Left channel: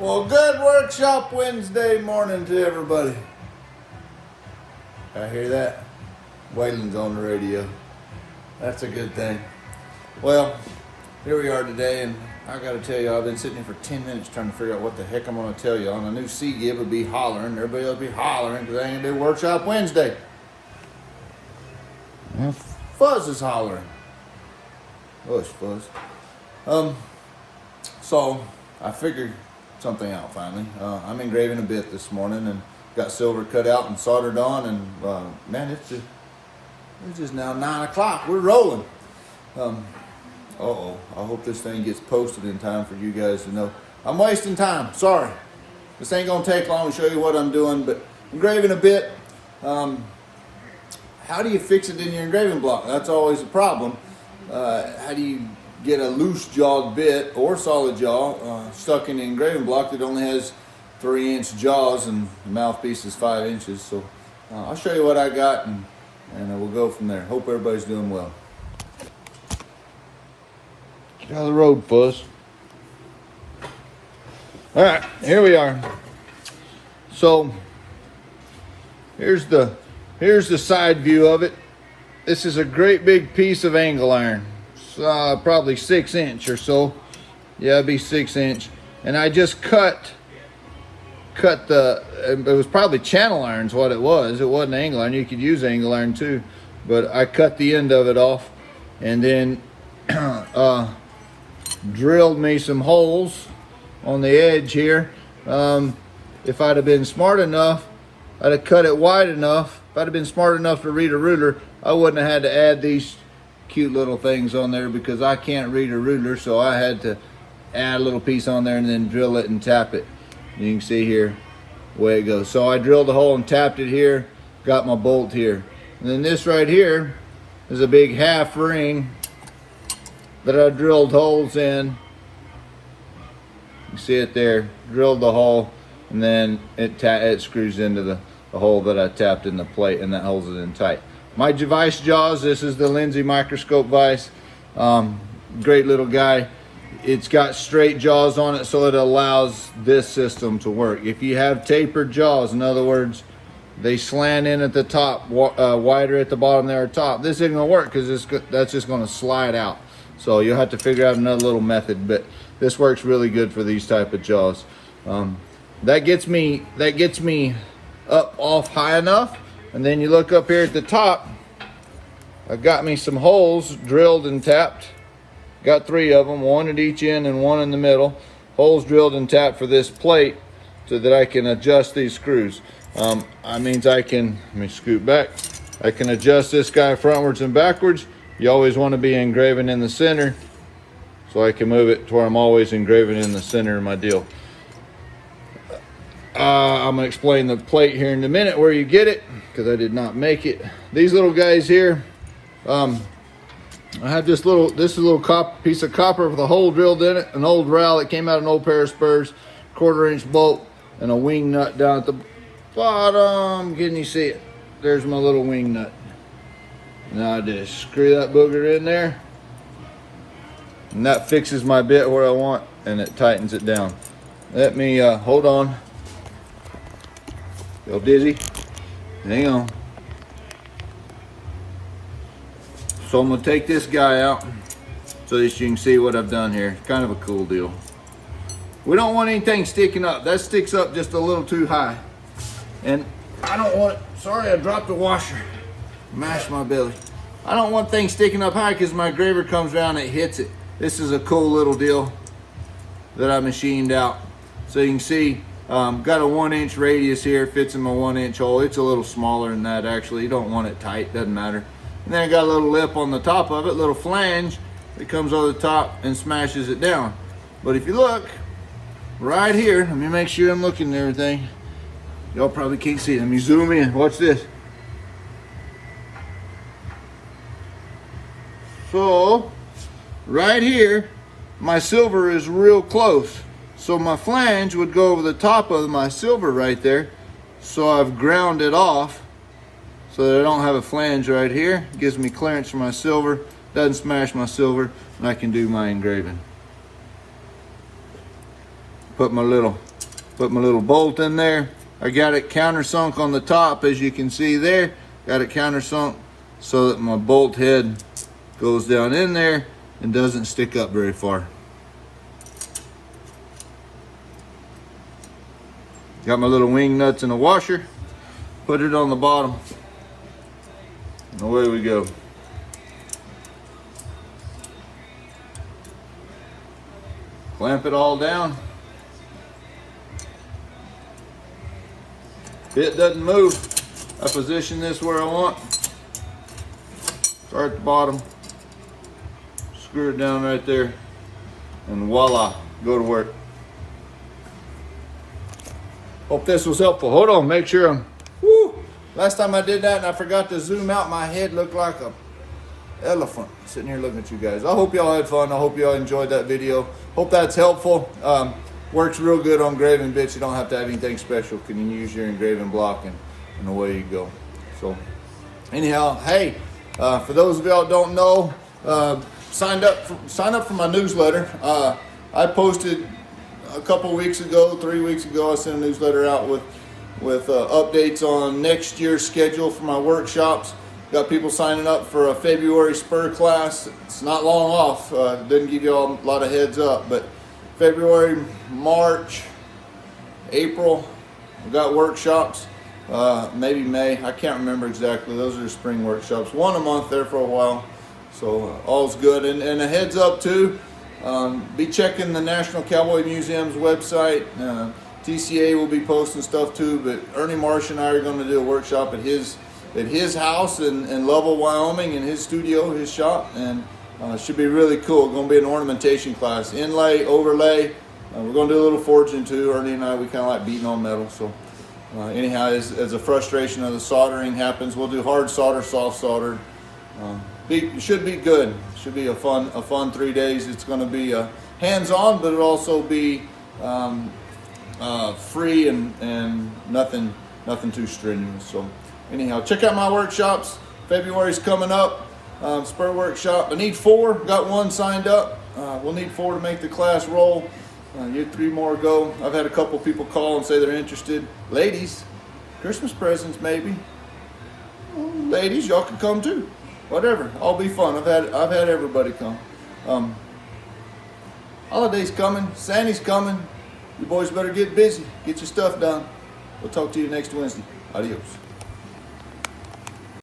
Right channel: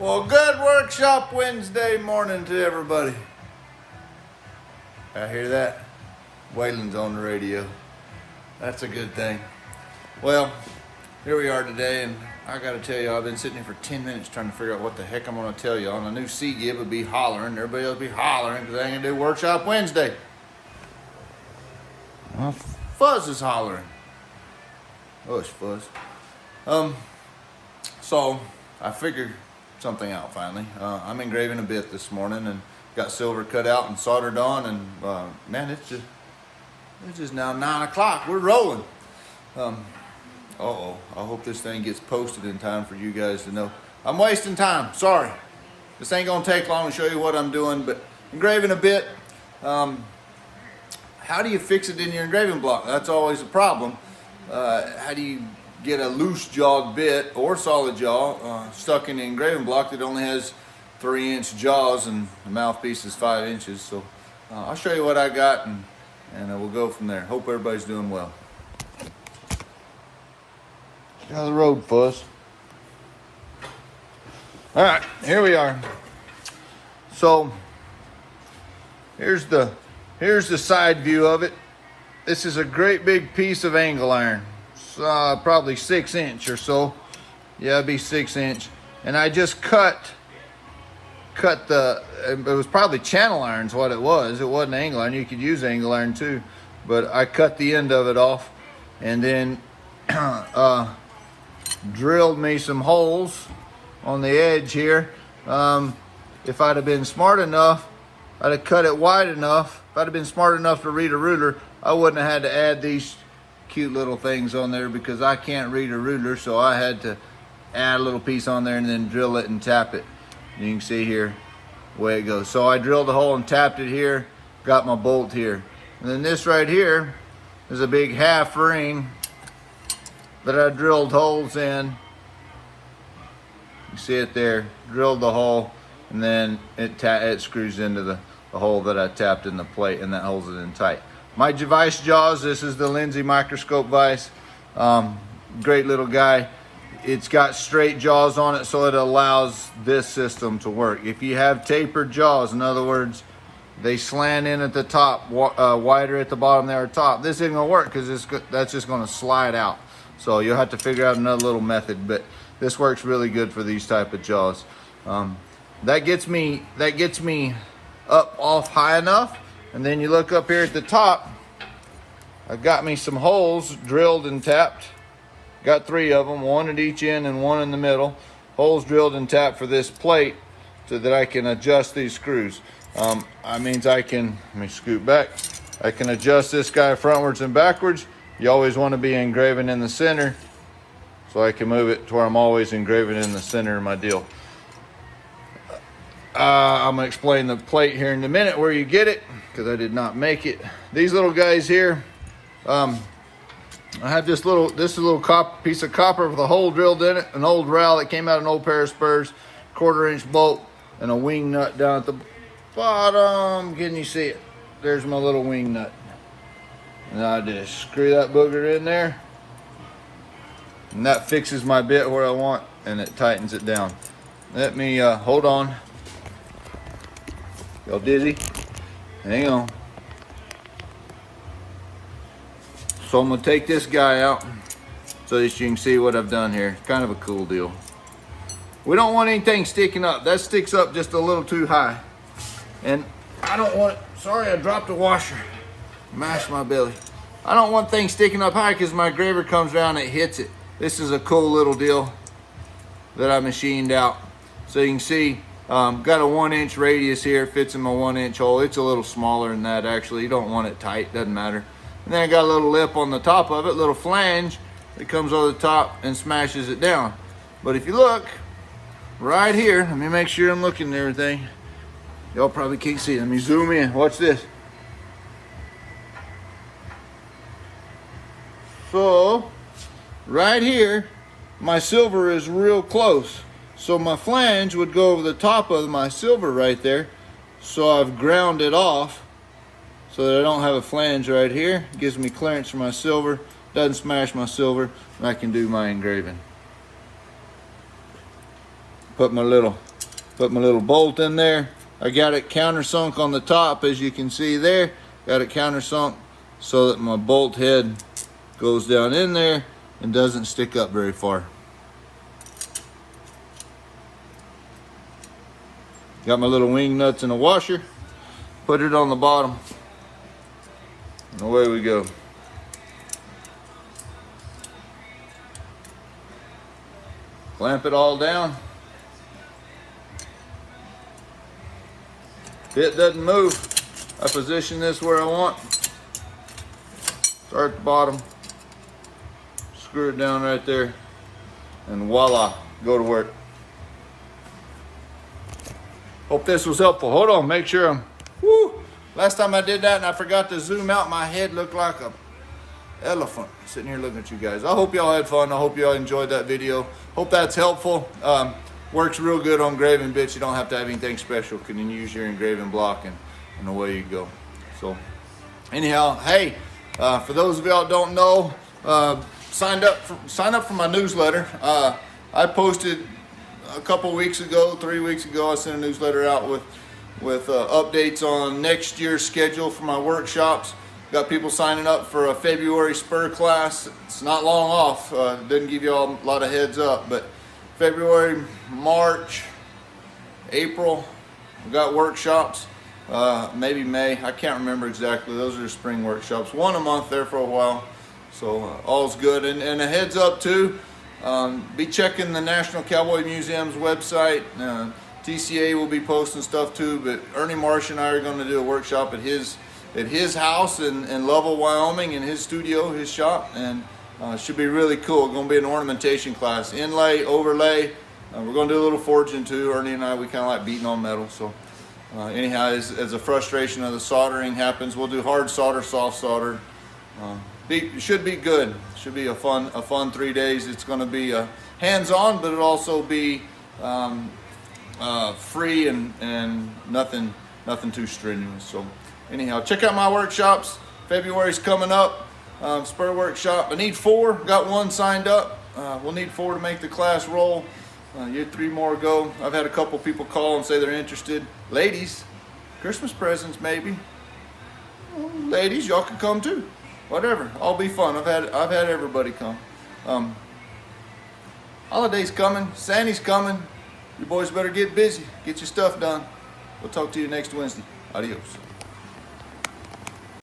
Well, good workshop Wednesday morning to everybody. I hear that? Waylon's on the radio. That's a good thing. Well, here we are today, and I gotta tell you, I've been sitting here for 10 minutes trying to figure out what the heck I'm gonna tell you. On a new C-Gib would be hollering, everybody else would be hollering because I ain't gonna do workshop Wednesday. Well, Fuzz is hollering. Hush, Fuzz. So I figured something out finally. I'm engraving a bit this morning and got silver cut out and soldered on, and man, it's just now 9 o'clock. We're rolling. I hope this thing gets posted in time for you guys to know. I'm wasting time. Sorry. This ain't gonna take long to show you what I'm doing, but engraving a bit. How do you fix it in your engraving block? That's always a problem. How do you get a loose jawed bit or solid jaw stuck in the engraving block that only has 3-inch jaws and the mouthpiece is 5 inches? So I'll show you what I got, and we'll go from there. Hope everybody's doing well. Get out of the road, Fuzz. All right, here we are. So here's the side view of it. This is a great big piece of angle iron. Probably 6-inch or so. Yeah, it'd be 6-inch. And I just cut it was probably channel iron's what it was. It wasn't angle iron. You could use angle iron too. But I cut the end of it off and then drilled me some holes on the edge here. If I'd have been smart enough, I'd have cut it wide enough. If I'd have been smart enough to read a ruler, I wouldn't have had to add these cute little things on there because I can't read a ruler, so I had to add a little piece on there and then drill it and tap it. You can see here the way it goes. So I drilled a hole and tapped it here, got my bolt here. And then this right here is a big half ring that I drilled holes in. You see it there, drilled the hole, and then it screws into the hole that I tapped in the plate, and that holds it in tight. My vice jaws, this is the Lindsay microscope vise. Great little guy. It's got straight jaws on it, so it allows this system to work. If you have tapered jaws, in other words, they slant in at the top, wider at the bottom there at top, this isn't gonna work because that's just gonna slide out. So you'll have to figure out another little method, but this works really good for these type of jaws. That gets me up off high enough. And then you look up here at the top, I got me some holes drilled and tapped. Got 3 of them, 1 at each end and 1 in the middle. Holes drilled and tapped for this plate so that I can adjust these screws. That means let me scoot back. I can adjust this guy frontwards and backwards. You always want to be engraving in the center, so I can move it to where I'm always engraving in the center of my deal. I'm gonna explain the plate here in a minute where you get it, because I did not make it. These little guys here, I have this little piece of copper with a hole drilled in it, an old rowel that came out of an old pair of spurs, 1/4-inch bolt, and a wing nut down at the bottom. Can you see it? There's my little wing nut. And I just screw that booger in there, and that fixes my bit where I want, and it tightens it down. Let me hold on. Feel dizzy? Hang on. So I'm gonna take this guy out so that you can see what I've done here. Kind of a cool deal. We don't want anything sticking up. That sticks up just a little too high. And I don't want, sorry I dropped the washer. Mashed my belly. I don't want things sticking up high because my engraver comes around and it hits it. This is a cool little deal that I machined out. So you can see, got a 1-inch radius here, fits in my 1-inch hole. It's a little smaller than that actually. You don't want it tight, doesn't matter. And then I got a little lip on the top of it, little flange that comes over the top and smashes it down. But if you look right here, let me make sure I'm looking at everything. Y'all probably can't see it. Let me zoom in. Watch this. So right here, my silver is real close. So my flange would go over the top of my silver right there. So I've ground it off so that I don't have a flange right here. It gives me clearance for my silver, doesn't smash my silver, and I can do my engraving. Put my little Put my little bolt in there. I got it countersunk on the top, as you can see there. Got it countersunk so that my bolt head goes down in there and doesn't stick up very far. Got my little wing nuts in a washer. Put it on the bottom. And away we go. Clamp it all down. If it doesn't move, I position this where I want. Start at the bottom. Screw it down right there. And voila, go to work. Hope this was helpful. Hold on, make sure I'm, woo! Last time I did that and I forgot to zoom out, my head looked like a elephant sitting here looking at you guys. I hope y'all had fun. I hope y'all enjoyed that video. Hope that's helpful. Works real good on engraving bits. You don't have to have anything special. You can use your engraving block and away you go. So anyhow, hey, for those of y'all that don't know, sign up for my newsletter. I posted a couple weeks ago, 3 weeks ago, I sent a newsletter out with updates on next year's schedule for my workshops. Got people signing up for a February spur class. It's not long off. Didn't give you all a lot of heads up, but February, March, April, we got workshops. Maybe May, I can't remember exactly. Those are spring workshops. One a month there for a while. So all's good. And a heads up too, be checking the National Cowboy Museum's website. TCA will be posting stuff too, but Ernie Marsh and I are going to do a workshop at his house in Lovell, Wyoming, in his studio, his shop, and should be really cool. It's going to be an ornamentation class, inlay, overlay. We're going to do a little forging too. Ernie and I, we kind of like beating on metal. So anyhow, as the frustration of the soldering happens, we'll do hard solder, soft solder. It should be good. Should be a fun 3 days. It's going to be hands-on, but it'll also be free and nothing too strenuous. So anyhow, check out my workshops. February's coming up. Spur workshop. I need 4. Got 1 signed up. We'll need 4 to make the class roll. You had 3 more go. I've had a couple people call and say they're interested. Ladies, Christmas presents maybe. Ladies, y'all can come too. Whatever, all be fun. I've had everybody come. Holidays coming, Santa's coming. You boys better get busy, get your stuff done. We'll talk to you next Wednesday. Adios.